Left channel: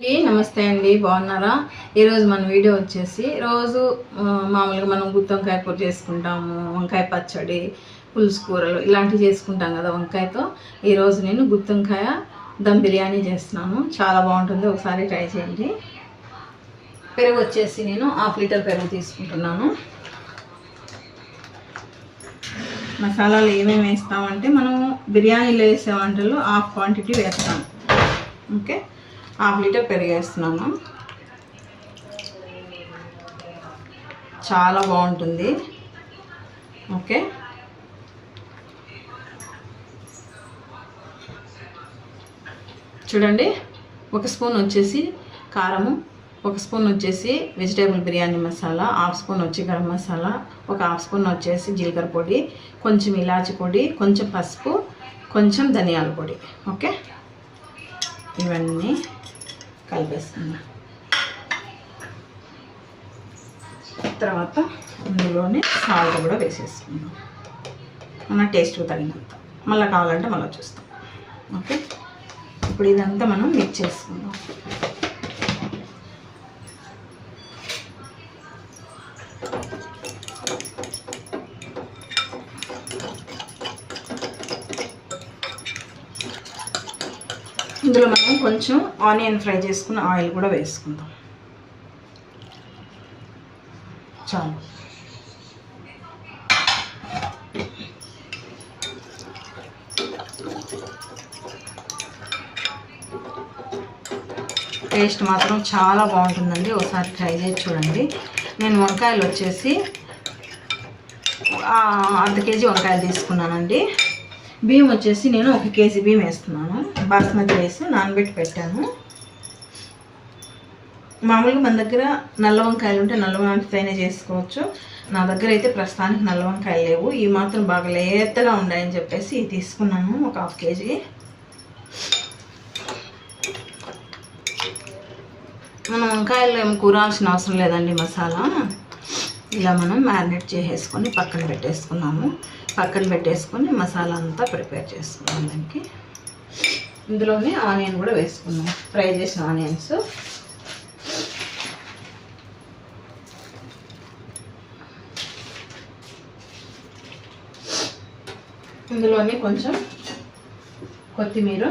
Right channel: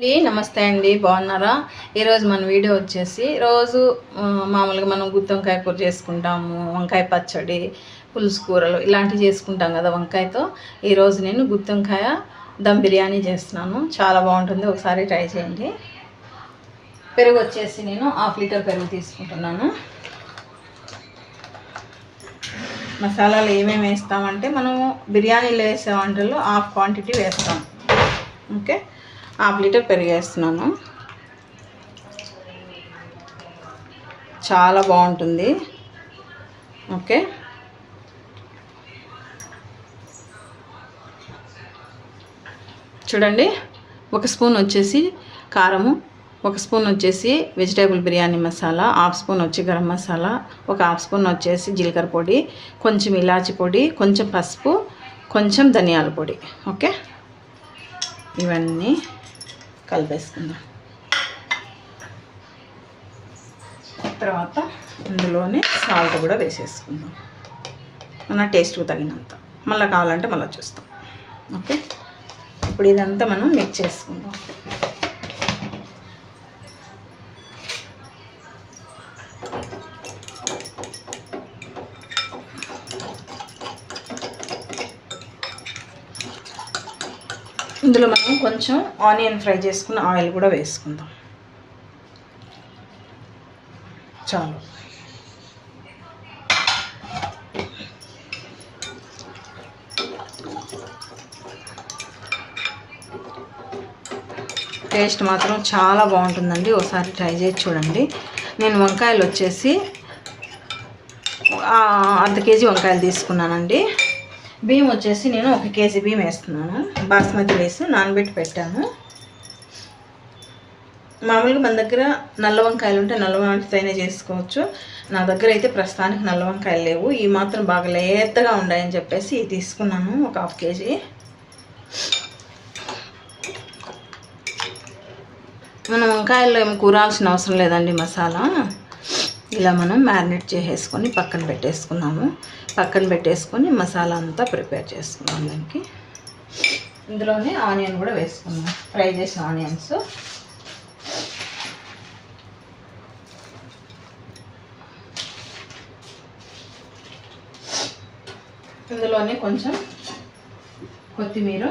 నమస్తే అండి బాగున్నారా? ఈరోజు మన వీడియో వచ్చేసి రోజు మామూలుగా మనం గుత్తి వంకాయ కూర చేసుకుంటాము వంకాయ పచ్చడి పులుసు కూరలు ఇలాంటివి చేసుకుంటాం కదా వంకాయతో. ఈరోజు నేను గుత్తి వంకాయ దమ్ బిర్యానీ చేస్తున్నాను. చాలా బాగుంటుంది ఒకసారి ట్రై చేయండి. పెరుగు వచ్చేసి నేను హాఫ్ లీటర్ పెరుగు తీసుకుంటున్నాను. మసాలాలు ఏమేమి వేస్తామంటే మనం బిర్యానీలో వేసే వంటల్లో హాఫ్ క్వాంటిటీ వేస్తాం. ఓకే? హాఫ్ లీటర్ పెరిగేస్తున్నాము చాలా బాగుంటుంది. ఓకే. చూడండి ఒక స్పూన్ వచ్చేసి కారము ఒక స్పూన్ వచ్చేసి vegetable biryani masala half spoon వచ్చి గరం మసాలా ఒక హాఫ్ స్పూన్ వచ్చేసి జీలకర్ర పొడి కొంచెం ఇలాచి పొడి కొంచెం పసుపు కొంచెం ధనియాల పొడి. ఓకే. ఇవన్నీ. కలిపేసుకుందాం తర్వాత ఇందులోనే సాల్ట్ కూడా వేసేసుకుందాం. మన టేస్ట్కి తగినంత. మళ్ళీ కావాలంటే మళ్ళీ చూస్తాం. ఓకే ఇప్పుడు ఇదంతా మనం మిక్స్ చేసుకుందాం. ఇందులో మనం కొంచెం ఆనియన్ ఫ్రై చేసుకున్న ఆయిల్ కూడా వేసుకుందాం. చాలు. టేస్ట్ మాత్రం చాలా బాగుంటుందండి. ఒకసారి ట్రై చేసి చూడండి. నేను వంకాయలు వచ్చేసి అర్ధ కేజీ వంకాయలు తీసుకున్నానండి. బియ్యం వచ్చేసి నేను ఒక కేజీ బియ్యం వేస్తున్నాను. బాస్మతి రైస్ నానబెట్టి పెట్టాను. మామూలుగా మన దగ్గర నల్ల వంకాయలు ఉంటే నల్ల వంకాయతోనే చేసుకోవచ్చు. నా దగ్గర అయితే ప్రస్తుతానికి నల్ల వంకాయలు లేవు. ఈ మాత్రం బాగా లేతగా ఉన్నాయని చెప్పేసి ఇది తీసుకున్నాను. ఒక హాఫ్ కేజీ. మనం వంకాయల్లో ఏమి కూరాల్సిన అవసరం లేదండి మసాలా. ఇలా మనం మ్యారినేట్ చేసేసుకొని పక్కన పెట్టేసుకున్నాము. పక్కన పెట్టేసుకొని మసాలా అంతా ప్రిపేర్ చేసుకున్నాం దానికి. ఇందులోనే ఆనియన్ కూడా వేసుకున్నాం ఫ్రై చేసిన ఆనియన్స్. ఇందులోనే కొంచెం కొత్తిమీర.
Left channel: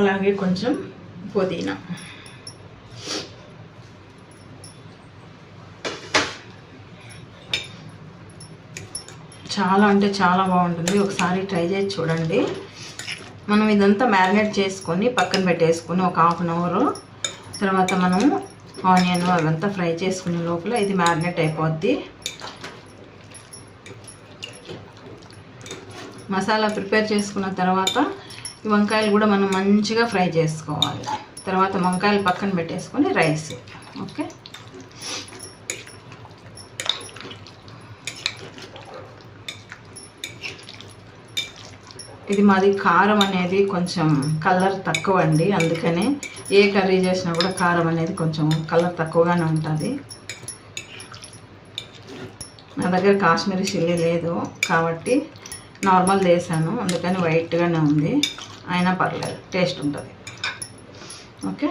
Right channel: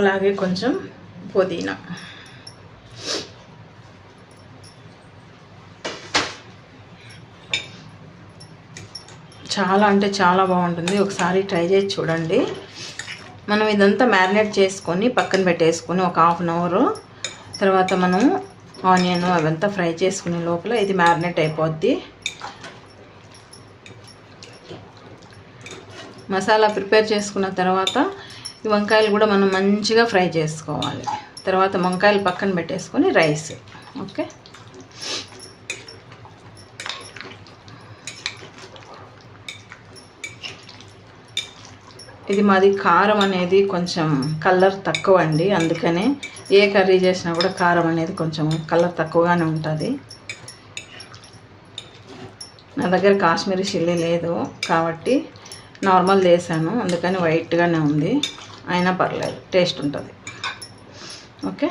అలాగే కొంచెం పుదీనా. చాలా అంటే చాలా బాగుంటుంది. ఒకసారి ట్రై చేసి చూడండి. మనం ఇదంతా మ్యారినేట్ చేసుకొని పక్కన పెట్టేసుకొని ఒక హాఫ్ అన్ అవర్. తర్వాత మనం ఆనియన్ అవంతా ఫ్రై చేసుకునే లోపల ఇది మ్యారినేట్ అయిపోద్ది. మసాలా ప్రిపేర్ చేసుకున్న తర్వాత ఈ వంకాయలు కూడా మనం మంచిగా ఫ్రై చేసుకోవాలి. తర్వాత వంకాయలు పక్కన పెట్టేసుకొని రైస్. ఓకే? ఇది మాది కారం అనేది కొంచెం కలర్ తక్కువ అండి అందుకనే ఏ కర్రీ చేసినా కూడా కారం అనేది కొంచెం కలర్ తక్కువగానే ఉంటుంది. నా దగ్గర కాశ్మీరీ చిల్లీ లేదు కాబట్టి నార్మల్ చేశాను అందుకని వైట్గానే ఉంది. అయినా పర్లేదు టేస్ట్ ఉంటుంది. ఓకే?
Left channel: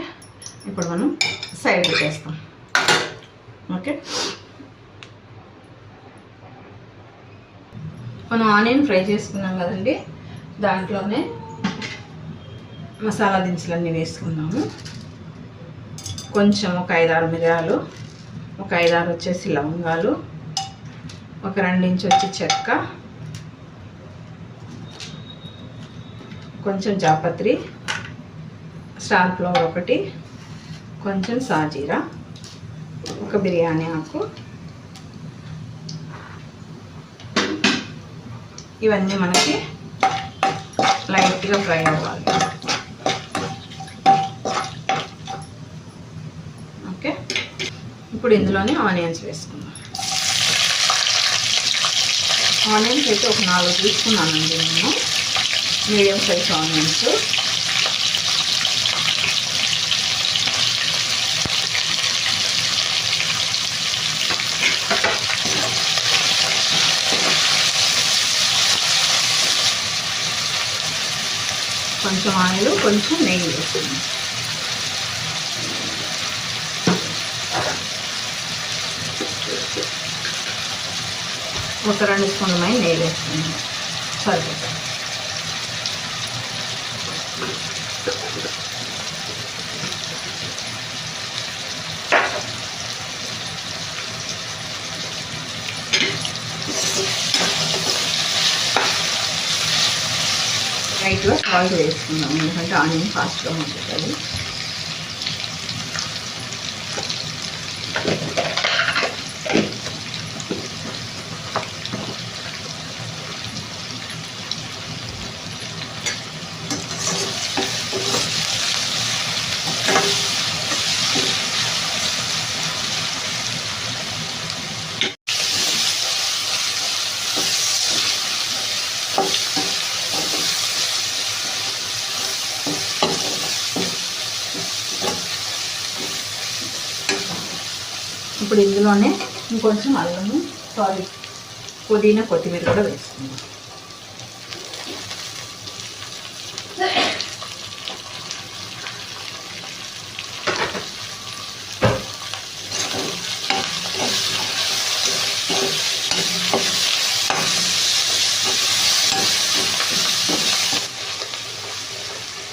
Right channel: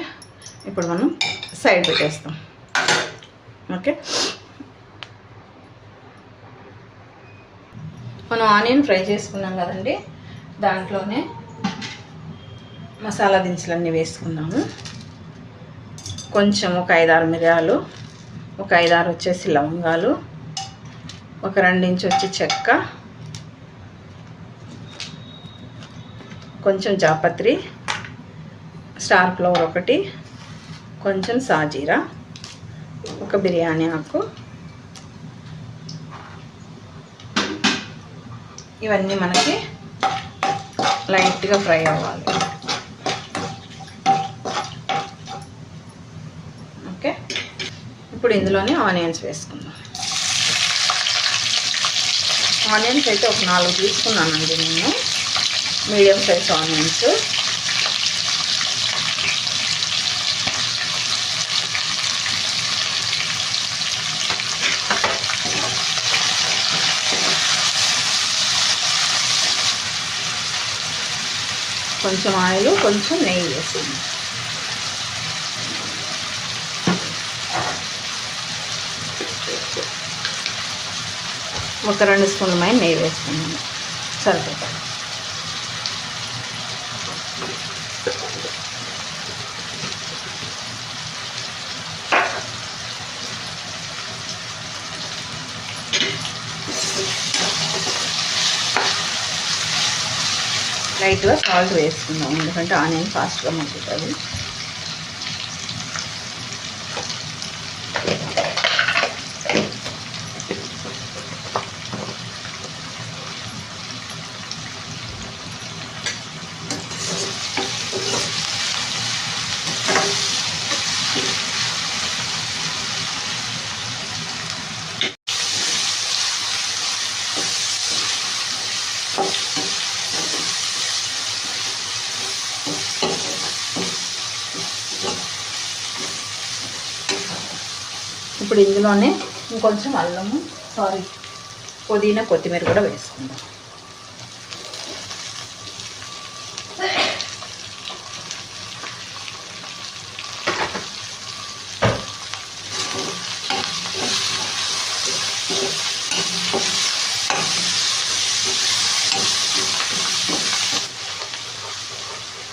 ఇప్పుడు మనం సైడ్ పెట్టేస్తాం. ఓకే? మనం ఆనియన్ ఫ్రై చేసుకున్నాం కదండి. దాంట్లోనే మసాలా దినుసులన్నీ వేసుకున్నాము కొంచెం ఒక ఐదారు మిరియాలు ఒక ఐదారు వచ్చేసి లవంగాలు ఒక రెండించి వచ్చి చెక్క కొంచెం జాపత్రి స్టార్ ఫ్లవర్ ఒకటి కొంచెం సాజీరా ఒక బిర్యానీ ఆకు. ఇవన్నీ మనకి లైట్గా ఫ్రై అవ్వాలి. ఓకే? ఇప్పుడు ఇందులోనే ఆనియన్స్ వేసుకుందాం. ఆనియన్స్ అయితే ఒక నాలుగు తీసుకున్నానండి నేను. Medium size onions. కొంచెం ఆయిల్ కొంచెం నెయ్యి వేసింది ఒక రెండు స్పూన్ల నెయ్యి వేసుకుంది. సరిపోతుంది. లైట్గా సాల్ట్ వేసుకుందాం ఎందుకంటే ఆనియన్ ఫాస్ట్గా మగ్గుతుంది. ఇప్పుడు ఇందులోనే ఇంకొంచెం అల్లము సారీ పుదీనా కొత్తిమీర కూడా వేసుకుందాం.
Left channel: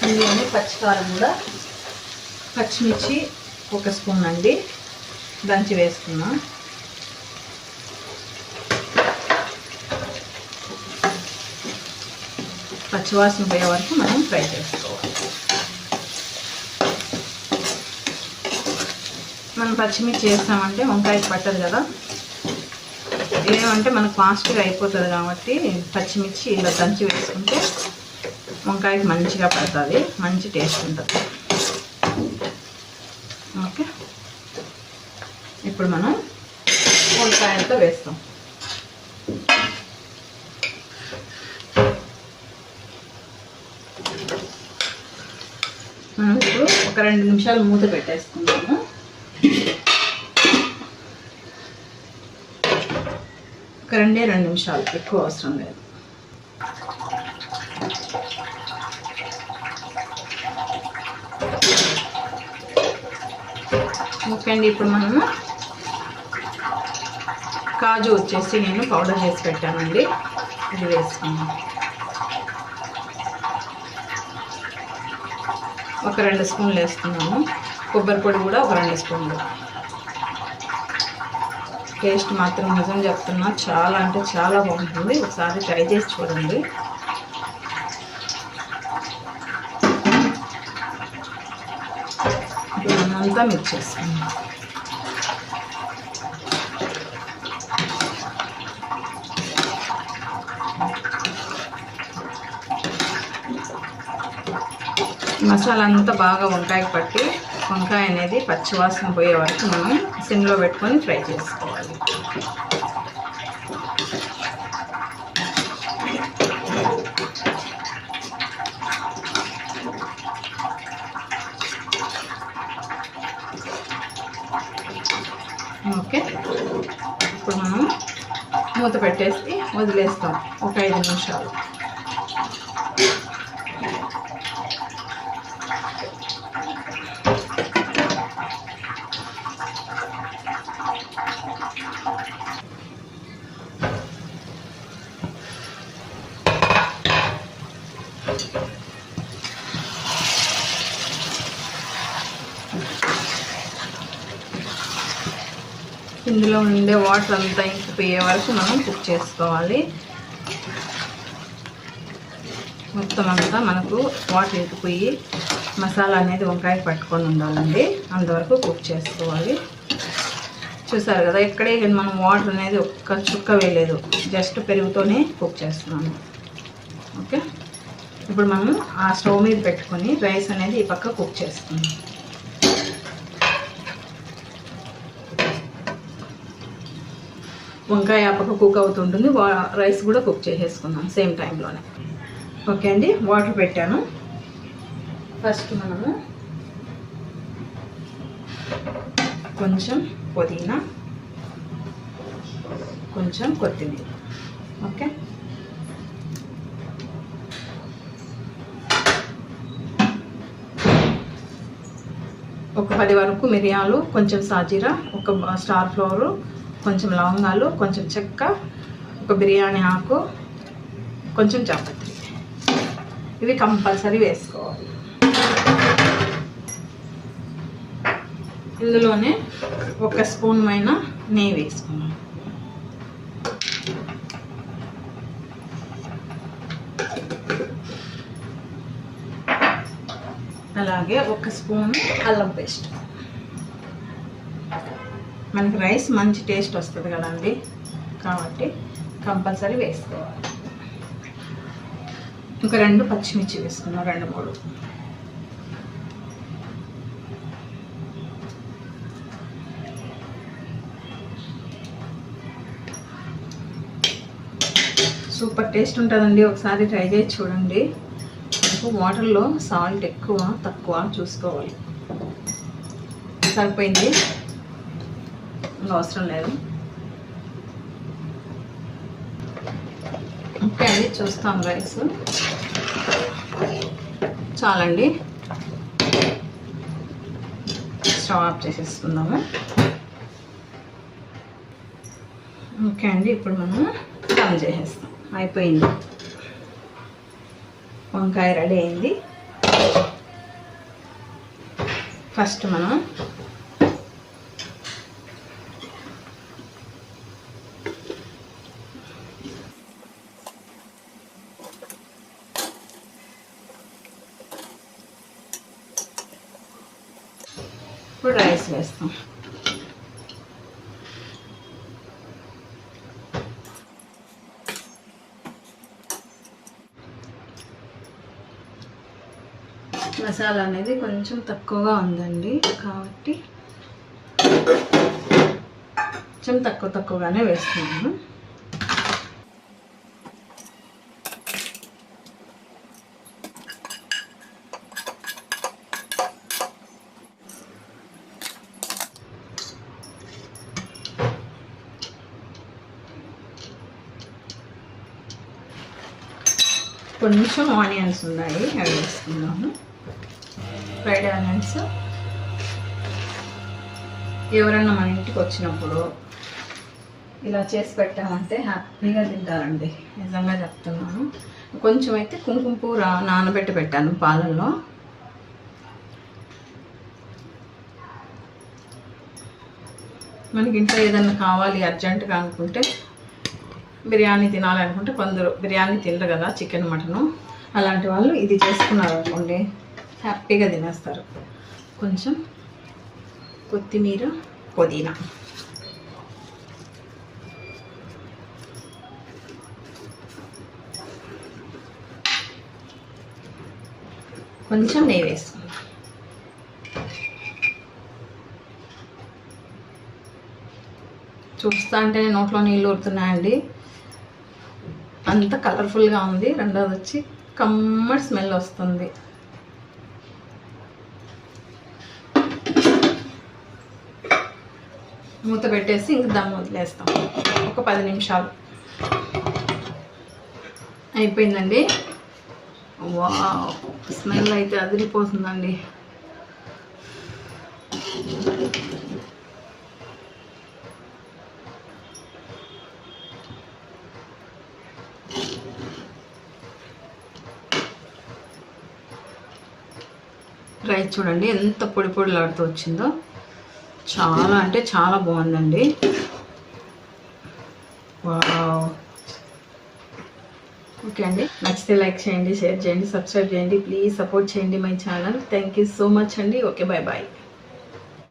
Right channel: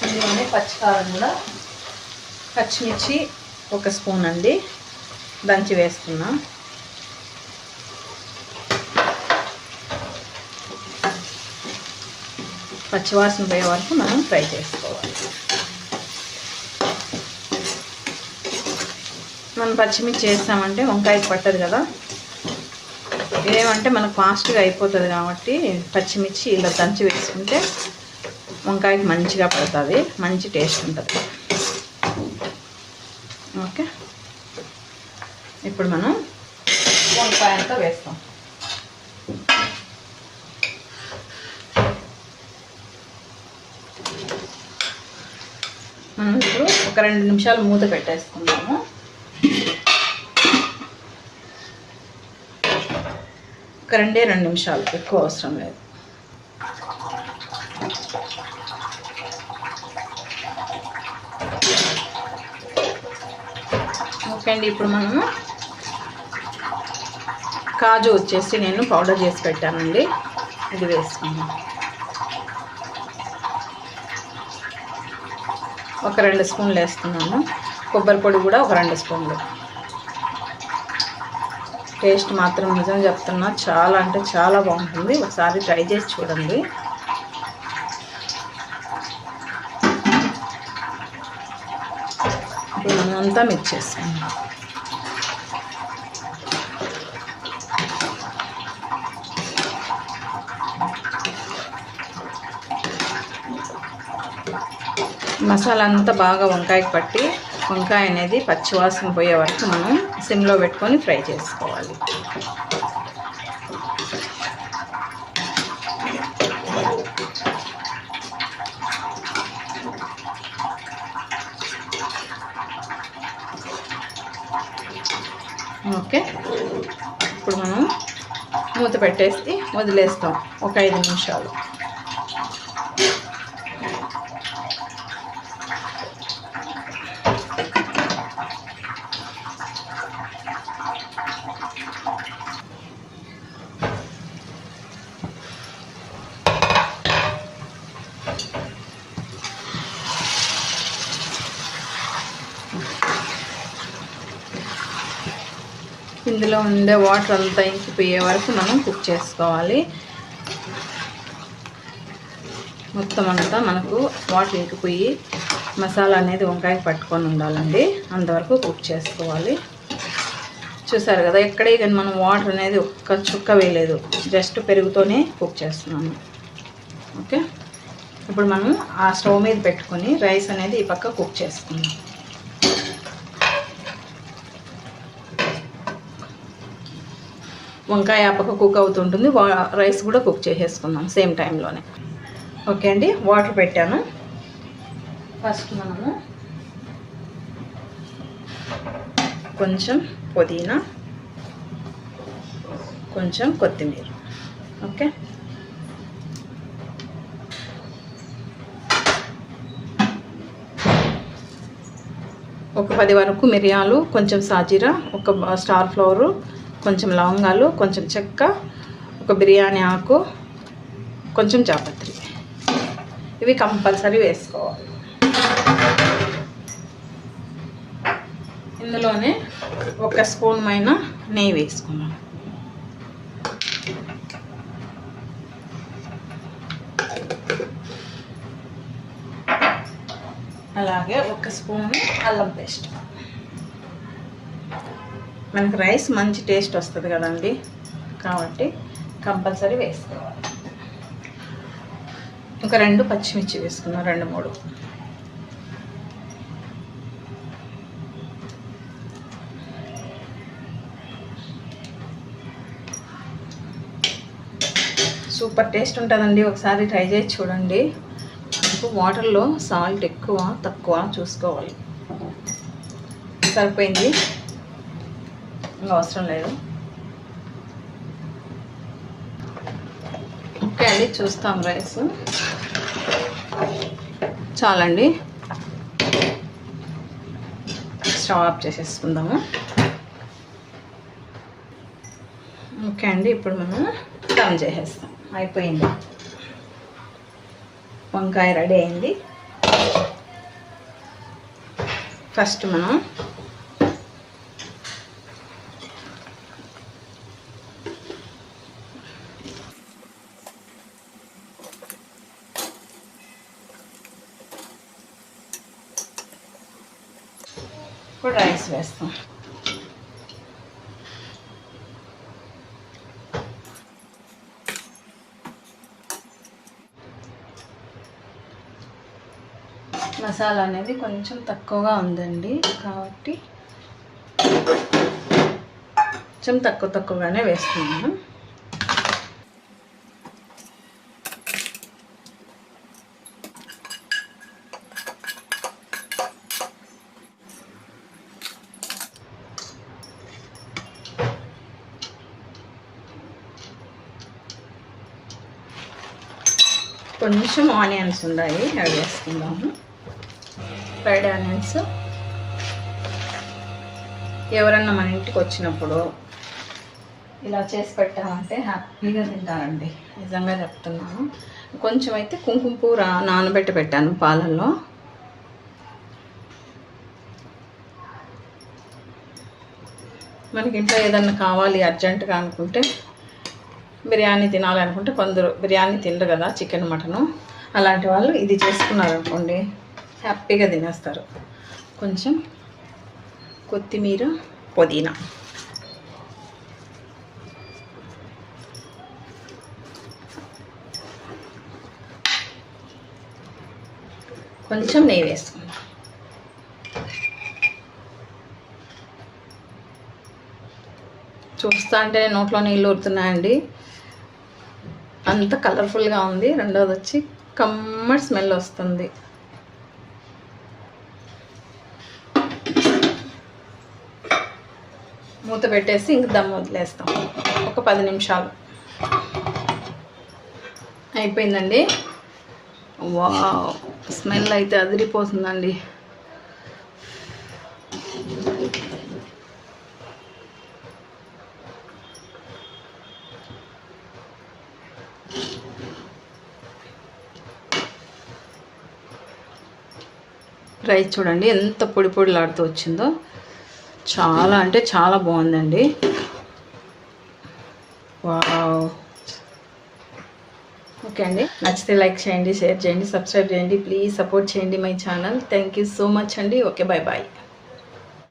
ఇందులోనే పచ్చికారం కూడా పచ్చిమిర్చి ఒక స్పూన్ అండి. దంచి వేసుకున్నాం. పచ్చివాసన పోయే వరకు మనం ఫ్రై చేసుకోవాలి. మనం పచ్చిమిర్చి వేస్తామంటే వంకాయ పట్టదు కదా. ఏమంటే మనకు ఫాస్ట్గా అయిపోతుంది కాబట్టి పచ్చిమిర్చి ఇలా దంచి వేసుకుంటే వంకాయకి మంచిగా పడుతుంది మంచి టేస్ట్ ఉంటుంది ఓకే ఇప్పుడు మనం వంకాయలతో వేస్తాం. మనం ఇప్పుడు ఒక రెండు నిమిషాలు మూత పెట్టేసుకుందాము. ఒక రెండే రెండు నిమిషాలు ఎక్కువ అవసరం లేదు. ఓకే అండి ఇప్పుడు మనము కాజు వచ్చేసి నేను పౌడర్ చేసి పెట్టానండి. ఇది వేసుకున్నాను ఒక రెండు స్పూన్లు వేసుకున్నాను. కొబ్బరి పొడి కూడా ఒక రెండు స్పూన్లు. టేస్ట్ మాత్రం నిజం చెప్తున్నా చాలా అంటే చాలా బాగుంటుంది. ఒకసారి ట్రై చేసి చూడండి. అంతా మిక్స్ చేసుకుందాం మసాలా అంతా బాగా వంకాయకి పట్టి వంకాయ అనేది పచ్చివాసన పోయే వరకు మనం సిమ్లో పెట్టుకొని ఫ్రై చేసుకోవాలి. ఓకే. ఇప్పుడు మనం మూత పెట్టేసి వదిలేస్తాం. ఒక ఐదు నిమిషాలు. ఇందులో ఉండే వాటర్ అంతా ఇంకిపోయే వరకు మనం కుక్ చేసుకోవాలి. మొత్తం అంతా మనకు వాటర్ ఇంకిపోయి మసాలా అనేది వంకాయ పట్టుకొని ఉండాలండి. అంతవరకు కుక్ చేసుకోవాలి. చూసారు కదా ఎక్కడే కానీ మనం వాటర్ అనేది ఒక్క చుక్క వేయలేదు. జస్ట్ పెరుగుతోనే కుక్ చేస్తున్నాము. ఓకే? ఇప్పుడు మనం ఆ స్టవ్ మీద పెట్టుకొని రైస్ అనేది ఈ పక్క కుక్ చేసుకుందాం. వంకాయ ఆ పక్క కుక్ అవుతుంటుంది. రైస్ కూడా కుక్ చేసేసుకుందాం సేమ్ టైంలోనే. ఓకే అండి వాటర్ పెట్టాను. ఫస్ట్ మనము కొంచెం పుదీనా కొంచెం కొత్తిమీర. ఓకే? పది వరకు మిరియాలు కొంచెం సాజీరా ఒక స్టార్ ఫ్లవరు కొంచెం లవంగాలు కొంచెం చెక్క ఒక బిర్యానీ ఆకు కొంచెం జాపత్రి. ఇవి కంపల్సరీ వేసుకోవాలి. ఇందులోనే ఒక స్పూన్ పైన నెయ్యి వేసుకున్నాను అలాగే ఒక స్పూన్ అల్లం పేస్ట్. మనకి రైస్ మంచి టేస్ట్ వస్తుంది కదండి. కాబట్టి కంపల్సరీ వేసుకోవాలి. ఇంకా రెండు పచ్చిమిర్చి వేసుకున్నాం రెండు మూడు. సూపర్ టేస్ట్ ఉంటుందండి. ఒకసారి ట్రై చేసి చూడండి. వాటర్లో సాల్ట్ ఎక్కువ తక్కువ చూసుకోవాలి. సరిపోయింది? ఇంకా అవసరం లేదు. ఓకే అండి చూస్తాం రైస్ చాలండి. స్టవ్ ఆఫ్ చేసేసుకుందాము. ఓకే అండి ఇప్పుడు మనం టర్న్ చేసేస్తాం. అయిపోయింది. వంకాయ రెడీ అయింది. ఫస్ట్ మనం ఇప్పుడు రైస్ వేస్తాం. మసాలా అనేది కొంచెం తక్కువగా ఉందండి. కాబట్టి కొంచెం తక్కువ తక్కువగానే వేస్తున్నాను. కొంచెం ఆనియన్స్ ఉన్నాయి అవి వేసుకుందాము. ఫ్రైడ్ ఆనియన్స్ ఎవరన్నా మన ఇంటికి వచ్చినప్పుడు ఇలా చేసి పెట్టామంటే హ్యాపీగా తింటారండి. నిజంగా చెప్తున్నాను. కొంచెం అయితే కుంకుమ పువ్వు రా నానబెట్టి పెట్టాను పాలల్లో. మనకి ఇంట్లో ఏదన్నా కావాలి అర్జెంటుగా అనుకుంటే బిర్యానీ తినాలనుకుంటే కొందరు బిర్యానీ తినరు కదా చికెన్ మటను. అలాంటి వాళ్ళు ఇది చేసుకున్నారు అనుకోండి హ్యాపీగా తినేస్తారు. కొంచెం కొత్తిమీర పుదీనా. కొంచెం నెయ్యి వేసుకుందాం. చూస్తా అంటే నోట్లో నీళ్ళు ఊరుతున్నాయండి. అంత కలర్ఫుల్గా ఉంది. రెండోది వచ్చి కమ్మడి స్మెల్ వస్తుంది. మూత పెట్టేసి ఇంక దమ్ వదిలేస్తాం. ఒక పది నిమిషాలు. అయిపోయిందండి. వా స్మెల్ అయితే అదిరిపోతుందండి. రైస్ చూడండి ఎంత పొడి పొడిలాడుతూ వచ్చిందో. చాలా అంటే చాలా బాగుందండి. వావ్. ఓకే అండి. నచ్చితే లైక్ చేయండి షేర్ చేయండి సబ్స్క్రైబ్ చేయండి. ప్లీజ్ సపోర్ట్ చేయండి my channel. Thank you so much అండి. Okay bye bye.